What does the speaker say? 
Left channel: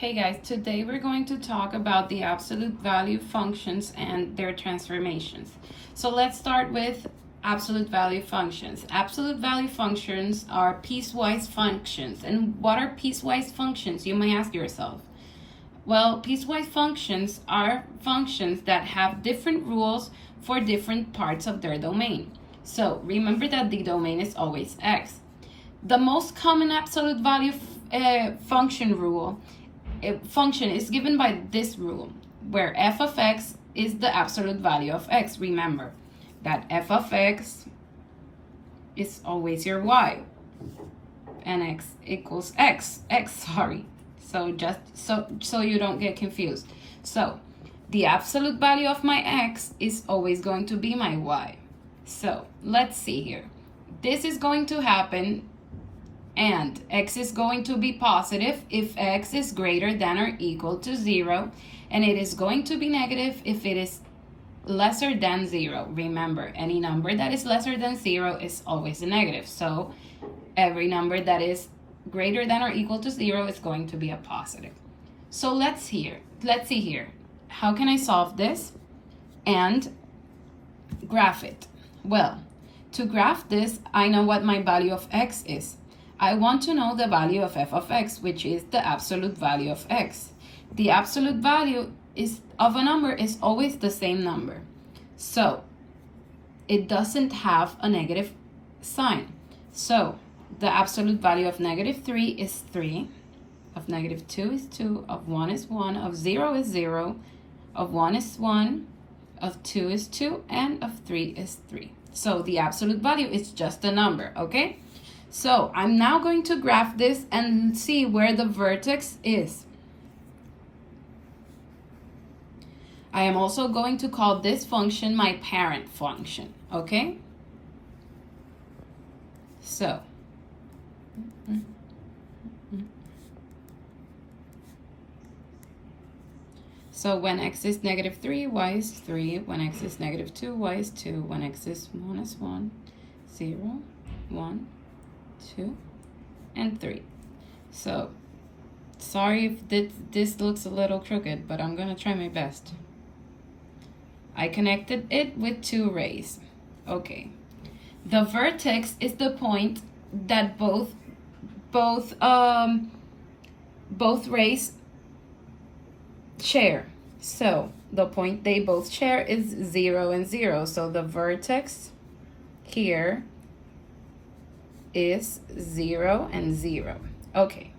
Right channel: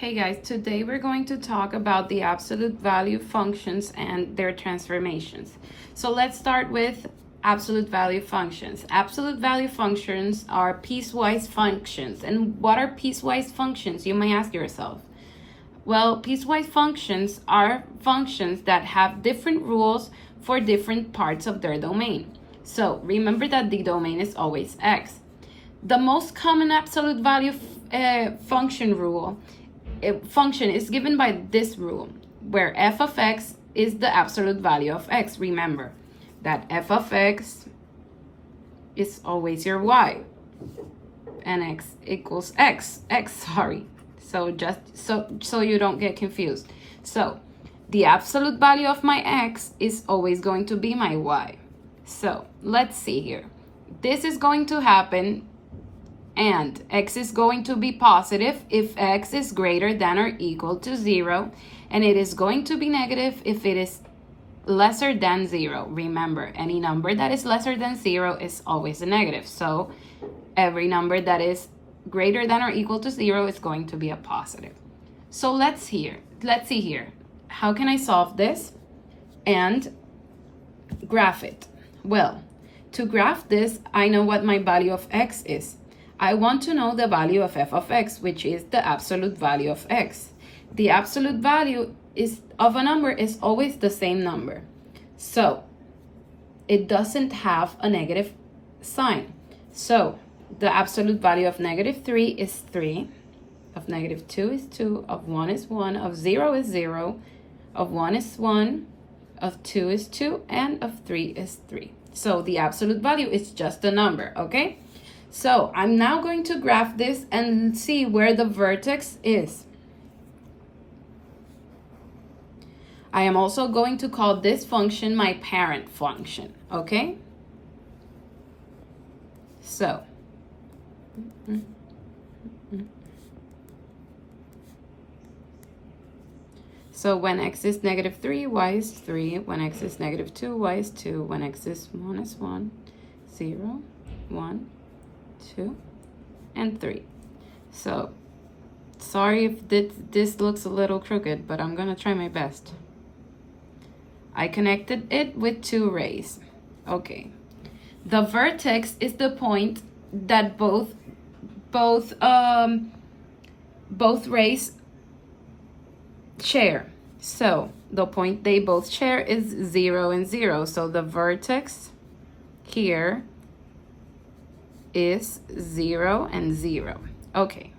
Hey guys, today we're going to talk about the absolute value functions and their transformations. So let's start with absolute value functions. Absolute value functions are piecewise functions. And what are piecewise functions? You may ask yourself. Well, piecewise functions are functions that have different rules for different parts of their domain. So remember that the domain is always x. The most common absolute value function is given by this rule, where f of x is the absolute value of x. Remember that f of x is always your y, and x equals x, sorry. So just so you don't get confused. So the absolute value of my x is always going to be my y. So let's see here. This is going to happen, and x is going to be positive if x is greater than or equal to 0, and it is going to be negative if it is lesser than 0. Remember, any number that is lesser than 0 is always a negative. So every number that is greater than or equal to 0 is going to be a positive. So let's see here. How can I solve this and graph it? Well, to graph this, I know what my value of x is. I want to know the value of f of x, which is the absolute value of x. The absolute value of a number is always the same number. So it doesn't have a negative sign. So the absolute value of -3 is 3, of -2 is 2, of 1 is 1, of 0 is 0, of 1 is 1, of 2 is 2, and of 3 is 3. So the absolute value is just a number, okay? So I'm now going to graph this and see where the vertex is. I am also going to call this function my parent function, okay? So when x is -3, y is 3. When x is -2, y is 2. When x is 1, 0, 1, 2, and 3. So sorry if this looks a little crooked, but I'm gonna try my best. I connected it with 2 rays. Okay, the vertex is the point that both rays share. So the point they both share is 0 and 0. So the vertex here is 0 and 0. Okay,